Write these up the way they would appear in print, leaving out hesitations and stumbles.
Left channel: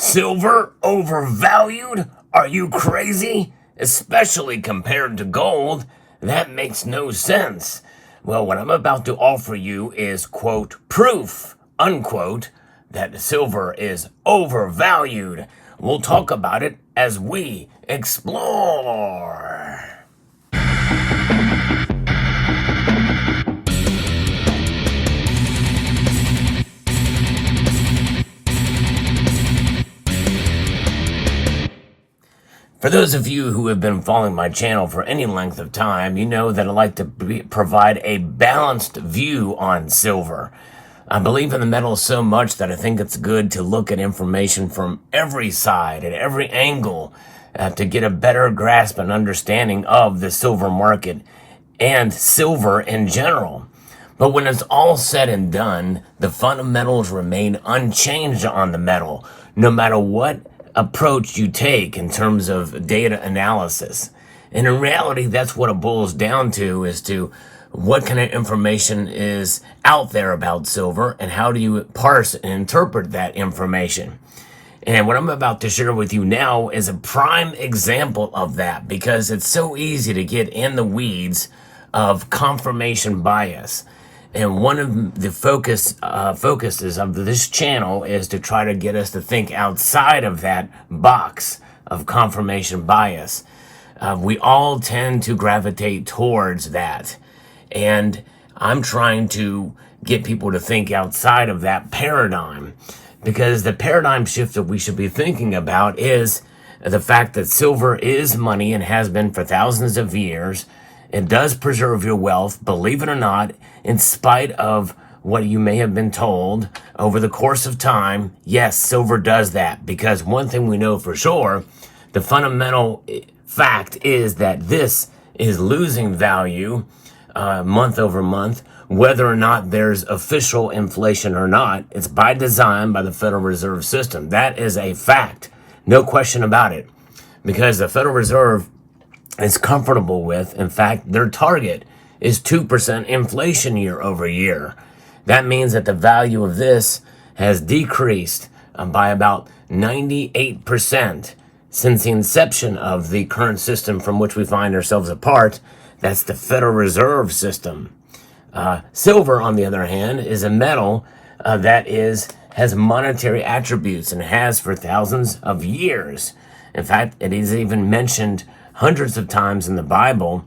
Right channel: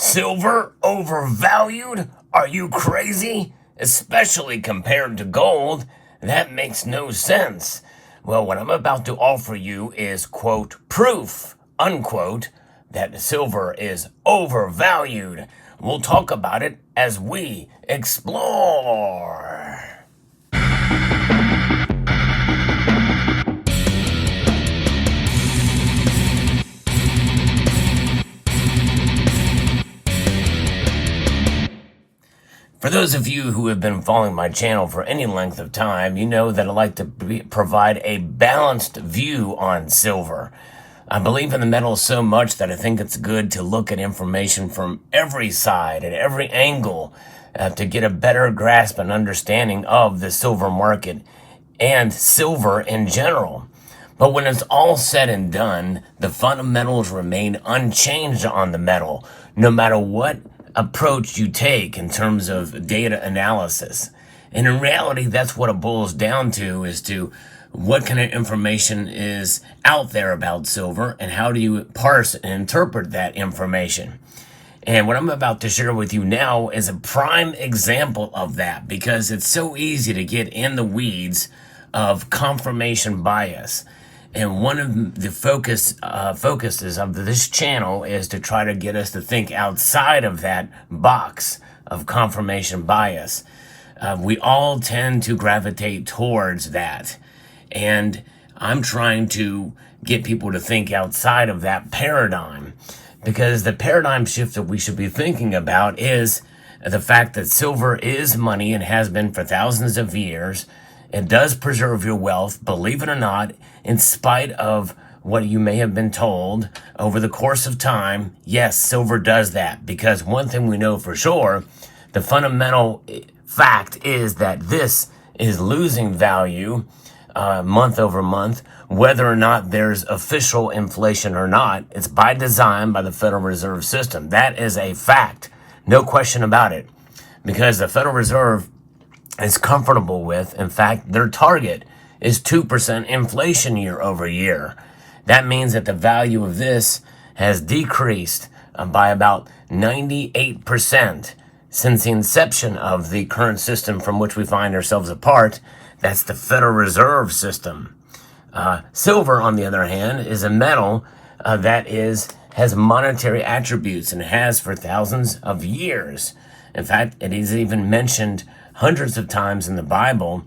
Silver overvalued? Are you crazy? Especially compared to gold? That makes no sense. Well, what I'm about to offer you is, quote, proof, unquote, that silver is overvalued. We'll talk about it as we explore. For those of you who have been following my channel for any length of time, you know that I like to provide a balanced view on silver. I believe in the metal so much that I think it's good to look at information from every side, at every angle, to get a better grasp and understanding of the silver market and silver in general. But when it's all said and done, the fundamentals remain unchanged on the metal, no matter what approach you take in terms of data analysis. And in reality, that's what it boils down to, is to what kind of information is out there about silver and how do you parse and interpret that information. And what I'm about to share with you now is a prime example of that, because it's so easy to get in the weeds of confirmation bias. And one of the focuses of this channel is to try to get us to think outside of that box of confirmation bias. We all tend to gravitate towards that. And I'm trying to get people to think outside of that paradigm, because the paradigm shift that we should be thinking about is the fact that silver is money and has been for thousands of years. It does preserve your wealth, believe it or not, in spite of what you may have been told over the course of time. Yes, silver does that, because one thing we know for sure, the fundamental fact is that this is losing value month over month, whether or not there's official inflation or not. It's by design by the Federal Reserve System. That is a fact, no question about it, because the Federal Reserve is comfortable with, in fact, their target is 2% inflation year over year. That means that the value of this has decreased by about 98% since the inception of the current system from which we find ourselves a part. That's the Federal Reserve System. Silver, on the other hand, is a metal that has monetary attributes and has for thousands of years. In fact, it is even mentioned hundreds of times in the Bible,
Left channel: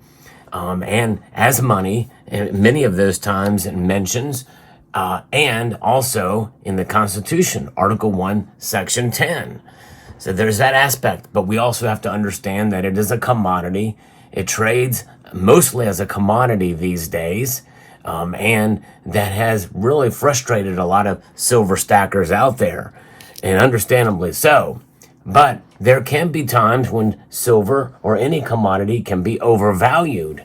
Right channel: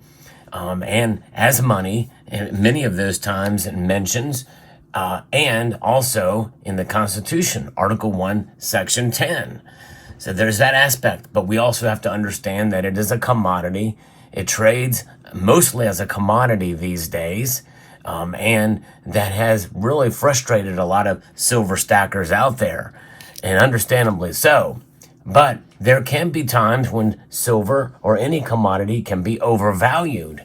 and as money, and many of those times it mentions, and also in the Constitution, Article 1, Section 10. So there's that aspect, but we also have to understand that it is a commodity. It trades mostly as a commodity these days, and that has really frustrated a lot of silver stackers out there, and understandably so. But there can be times when silver or any commodity can be overvalued.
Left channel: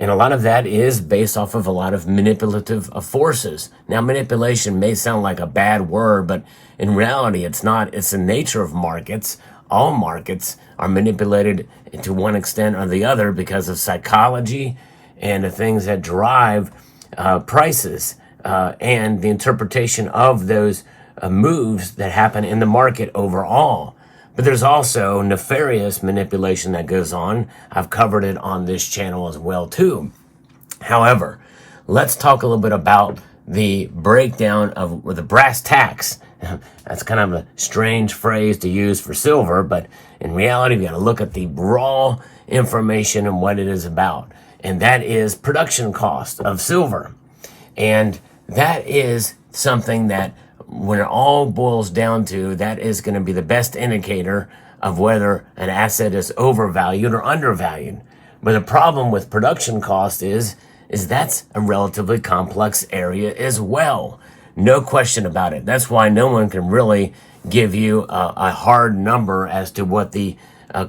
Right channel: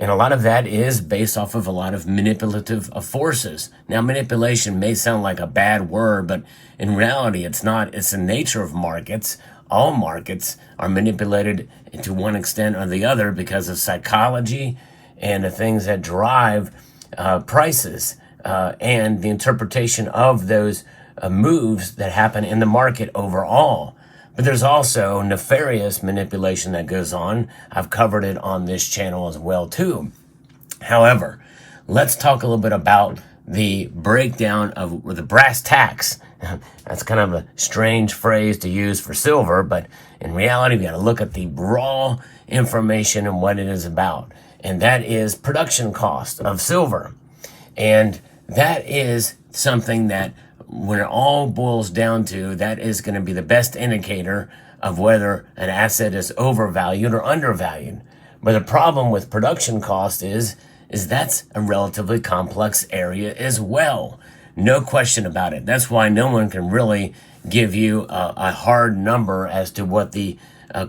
And a lot of that is based off of a lot of manipulative forces. Now, manipulation may sound like a bad word, but in reality, it's not. It's the nature of markets. All markets are manipulated to one extent or the other because of psychology and the things that drive prices and the interpretation of those moves that happen in the market overall. But there's also nefarious manipulation that goes on. I've covered it on this channel as well too. However, let's talk a little bit about the breakdown of the brass tacks. That's kind of a strange phrase to use for silver, but in reality, we got to look at the raw information and what it is about. And that is production cost of silver. And that is something that, when it all boils down to, that is going to be the best indicator of whether an asset is overvalued or undervalued. But the problem with production cost is that's a relatively complex area as well. No question about it. That's why no one can really give you a hard number as to what the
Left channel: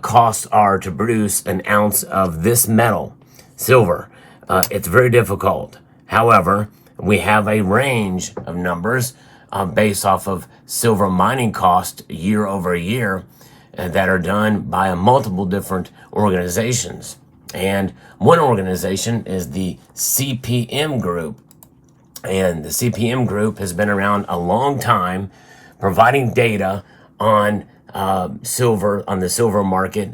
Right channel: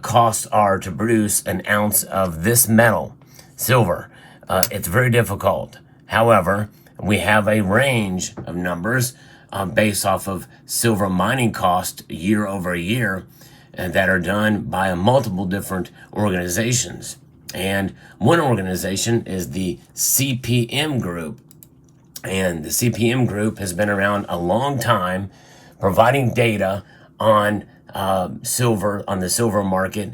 costs are to produce an ounce of this metal, silver. It's very difficult. However, we have a range of numbers based off of silver mining cost year over year that are done by multiple different organizations. And one organization is the CPM Group. And the CPM Group has been around a long time, providing data on silver, on the silver market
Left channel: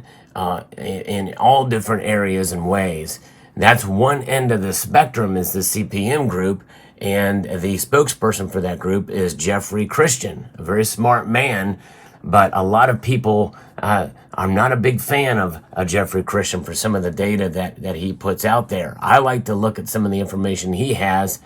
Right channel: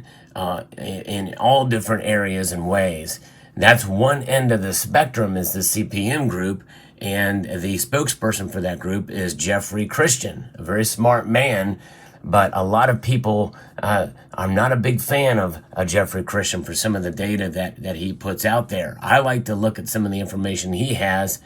in all different areas and ways. That's one end of the spectrum is the CPM Group, and the spokesperson for that group is Jeffrey Christian, a very smart man, but a lot of people, I'm not a big fan of Jeffrey Christian for some of the data that he puts out there. I like to look at some of the information he has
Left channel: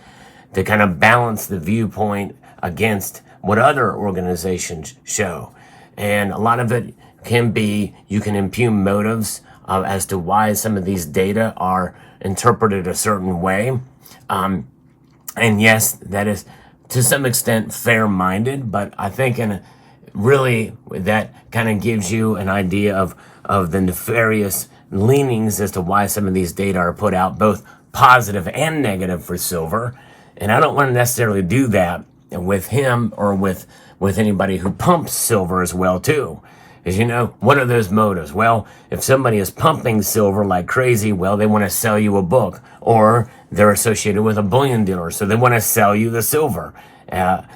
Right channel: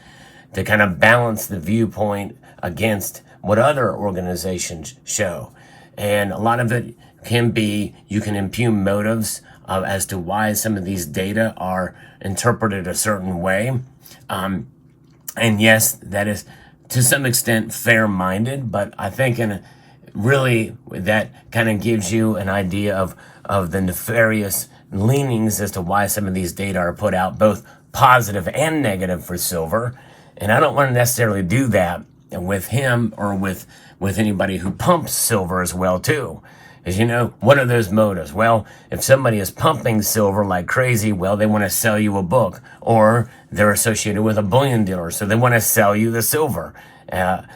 to kind of balance the viewpoint against what other organizations show. And a lot of it can be, you can impugn motives as to why some of these data are interpreted a certain way. And yes, that is to some extent fair-minded, but I think really that kind of gives you an idea of the nefarious leanings as to why some of these data are put out, both positive and negative for silver. And I don't want to necessarily do that with him or with anybody who pumps silver as well too. As you know, what are those motives? Well, if somebody is pumping silver like crazy, well, they want to sell you a book, or they're associated with a bullion dealer, so they want to sell you the silver,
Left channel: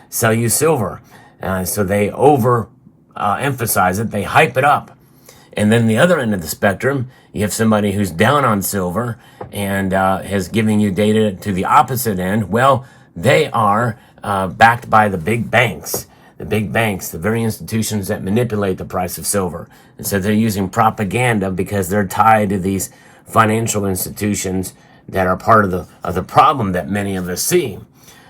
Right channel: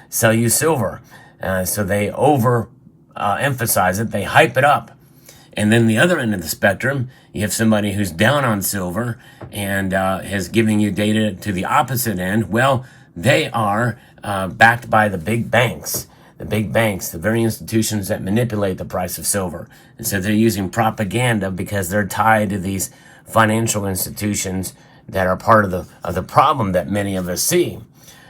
So they emphasize it, they hype it up. And then the other end of the spectrum, you have somebody who's down on silver and is giving you data to the opposite end. Well, they are backed by the big banks. The very institutions that manipulate the price of silver. And so they're using propaganda because they're tied to these financial institutions that are part of the problem that many of us see.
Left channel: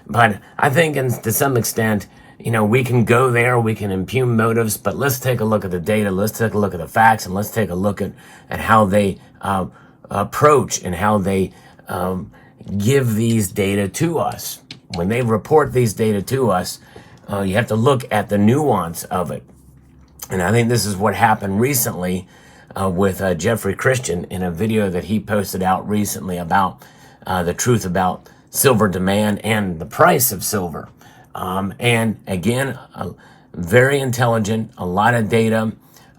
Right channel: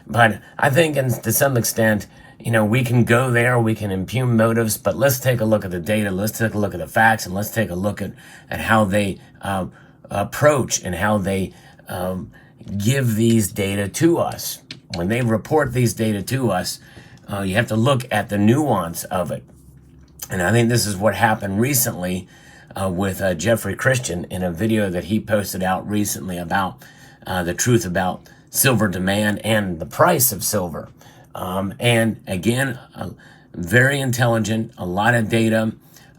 But I think to some extent, we can go there, we can impugn motives, but let's take a look at the data, let's take a look at the facts, and let's take a look at how they approach and how they give these data to us. When they report these data to us, you have to look at the nuance of it. And I think this is what happened recently with Jeffrey Christian in a video that he posted out recently about the truth about silver demand and the price of silver. And again, very intelligent, a lot of data.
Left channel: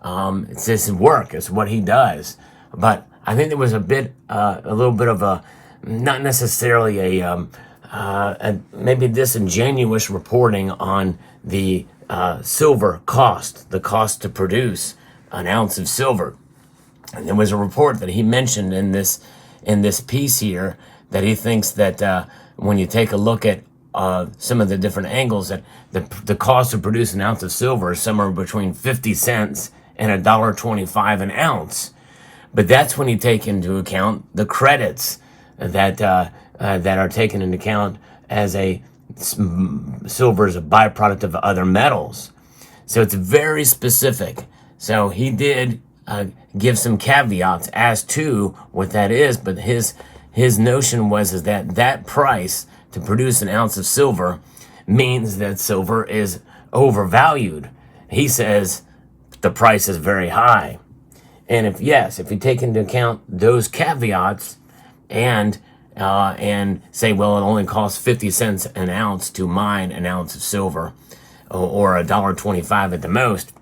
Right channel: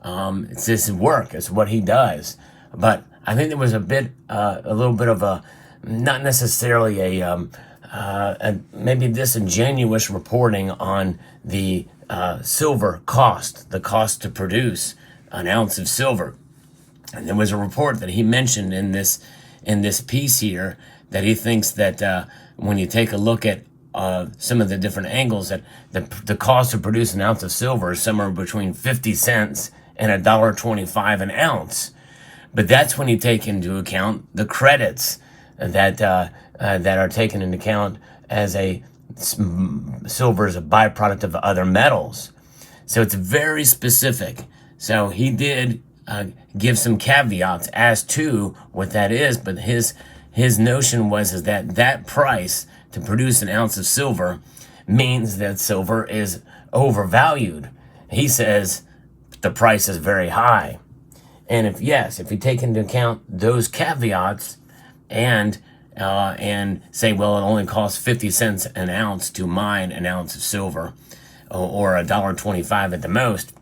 It's his work, it's what he does. But I think there was a little bit of a, not necessarily maybe disingenuous reporting on the silver cost, the cost to produce an ounce of silver. And there was a report that he mentioned in this piece here that he thinks that when you take a look at some of the different angles, that the cost to produce an ounce of silver is somewhere between 50 cents and $1.25 an ounce. But that's when you take into account the credits that are taken into account as silver is a byproduct of other metals. So it's very specific. So he did give some caveats as to what that is, but his notion was that price to produce an ounce of silver means that silver is overvalued. He says the price is very high. And if you take into account those caveats and say, well, it only costs 50 cents an ounce to mine an ounce of silver, or $1.25 at the most,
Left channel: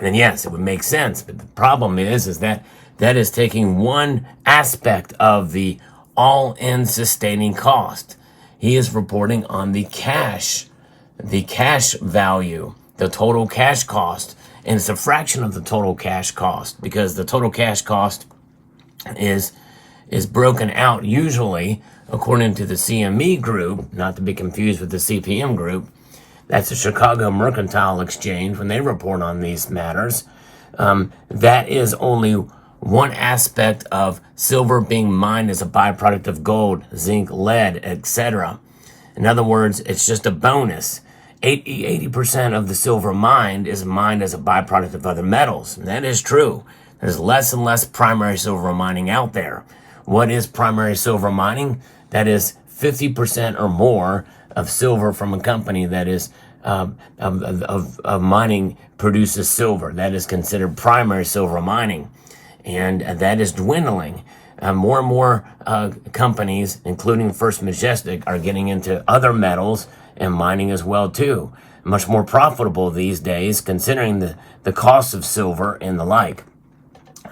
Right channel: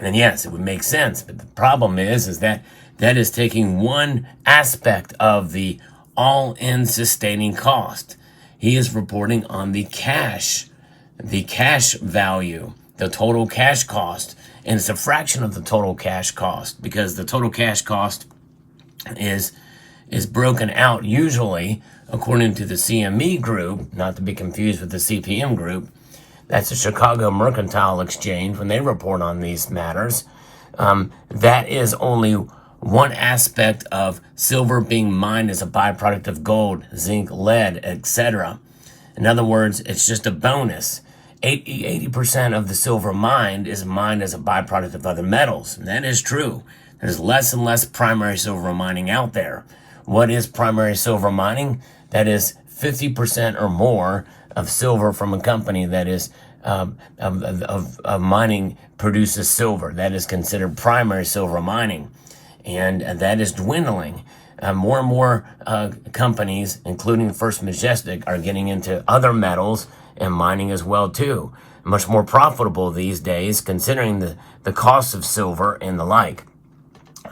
then yes, it would make sense. But the problem is that is taking one aspect of the all-in sustaining cost. He is reporting on the cash value, the total cash cost, and it's a fraction of the total cash cost, because the total cash cost is broken out usually according to the CME Group, not to be confused with the CPM Group. That's the Chicago Mercantile Exchange. When they report on these matters, that is only one aspect of silver being mined as a byproduct of gold, zinc, lead, etc. In other words, it's just a bonus. 80% of the silver mined is mined as a byproduct of other metals. And that is true. There's less and less primary silver mining out there. What is primary silver mining? That is 50% or more of silver from a company that is of mining produces silver. That is considered primary silver mining. And that is dwindling. More and more companies, including First Majestic, are getting into other metals and mining as well too. Much more profitable these days, considering the cost of silver and the like.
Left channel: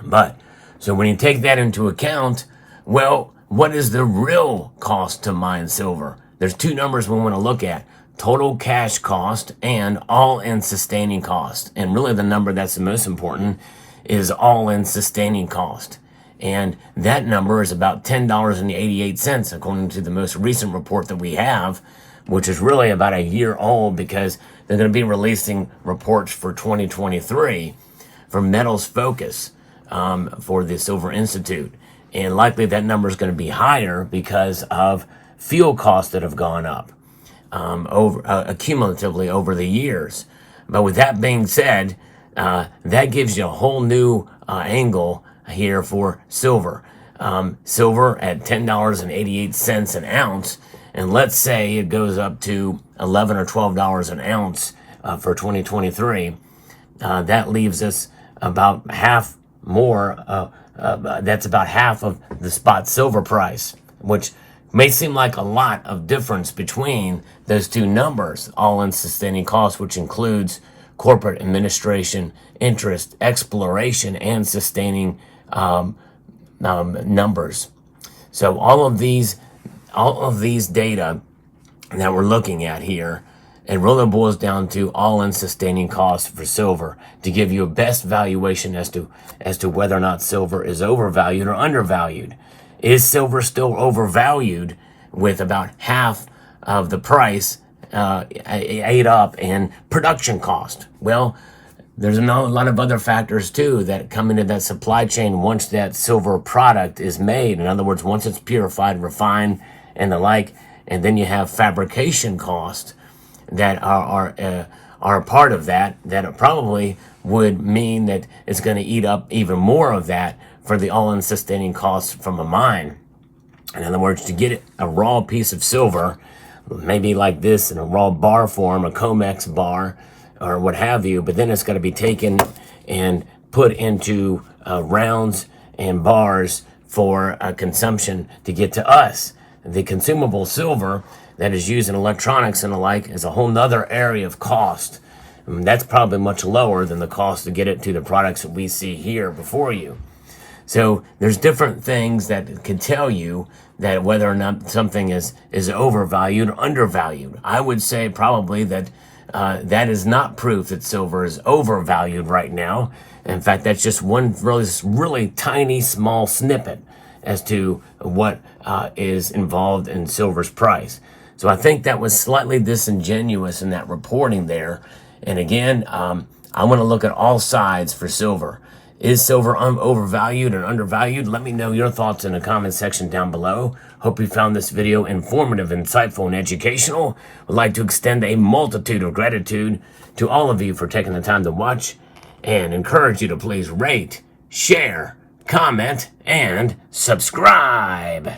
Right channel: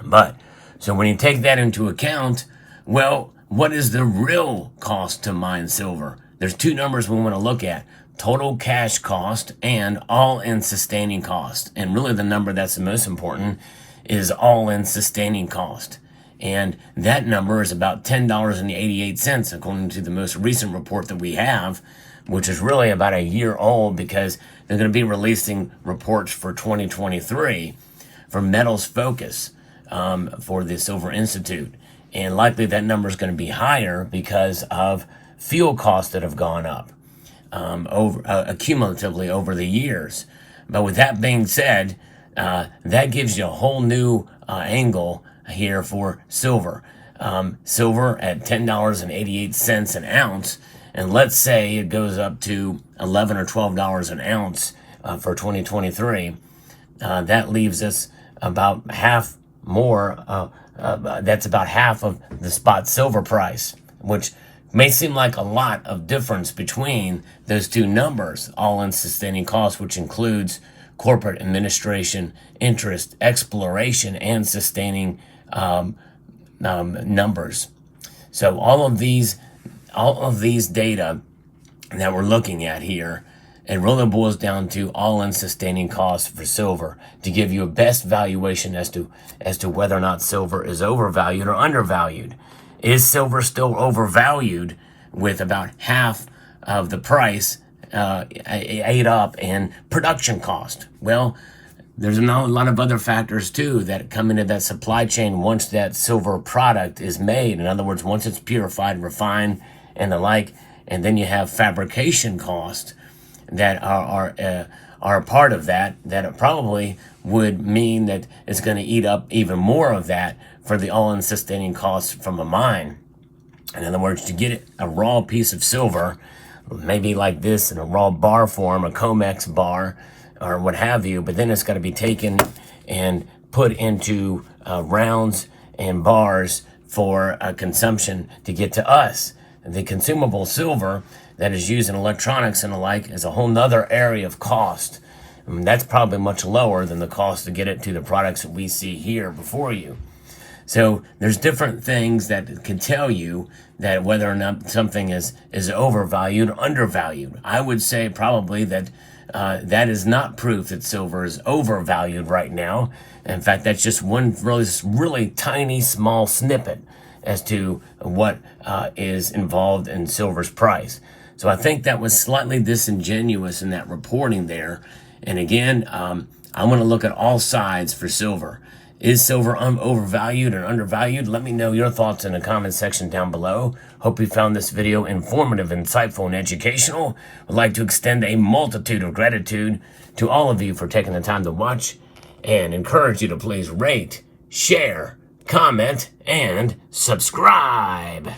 But, so when you take that into account, well, what is the real cost to mine silver? There's two numbers we want to look at. total cash cost and all-in sustaining cost. And really the number that's the most important is all-in sustaining cost. And that number is about $10.88 according to the most recent report that we have, which is really about a year old because they're going to be releasing reports for 2023 for Metals Focus for the Silver Institute. And likely that number is going to be higher because of fuel costs that have gone up cumulatively over the years. But with that being said, that gives you a whole new angle here for silver. Silver at $10.88 an ounce, and let's say it goes up to $11 or $12 an ounce for 2023. That leaves us about half more. That's about half of the spot silver price, which may seem like a lot of difference between those two numbers, all-in sustaining costs, which includes corporate administration, interest, exploration, and sustaining numbers. So all of these data that we're looking at here, it really boils down to all-in sustaining costs for silver to give you a best valuation as to whether or not silver is overvalued or undervalued. Is silver still overvalued with about half of the price ate up in production cost? Well, there's a lot of other factors too that come into that supply chain once that silver product is made. In other words, once it's purified, refined, and the like, and then you have fabrication costs that are a part of that probably would mean that it's going to eat up even more of that for the all-in sustaining costs from a mine. In other words, to get a raw piece of silver, maybe like this in a raw bar form, a COMEX bar, or what have you, but then it's got to be taken and put into rounds and bars for consumption to get to us. The consumable silver that is used in electronics and the like is a whole nother area of cost. That's probably much lower than the cost to get it to the products that we see here before you. So there's different things that can tell you that whether or not something is overvalued or undervalued. I would say probably that that is not proof that silver is overvalued right now. In fact, that's just one really tiny, small snippet as to what is involved in silver's price. So I think that was slightly disingenuous in that reporting there. And again, I want to look at all sides for silver. Is silver overvalued or undervalued? Let me know your thoughts in the comment section down below. Hope you found this video informative, insightful, and educational. Would like to extend a multitude of gratitude to all of you for taking the time to watch and encourage you to please rate, share, comment, and subscribe.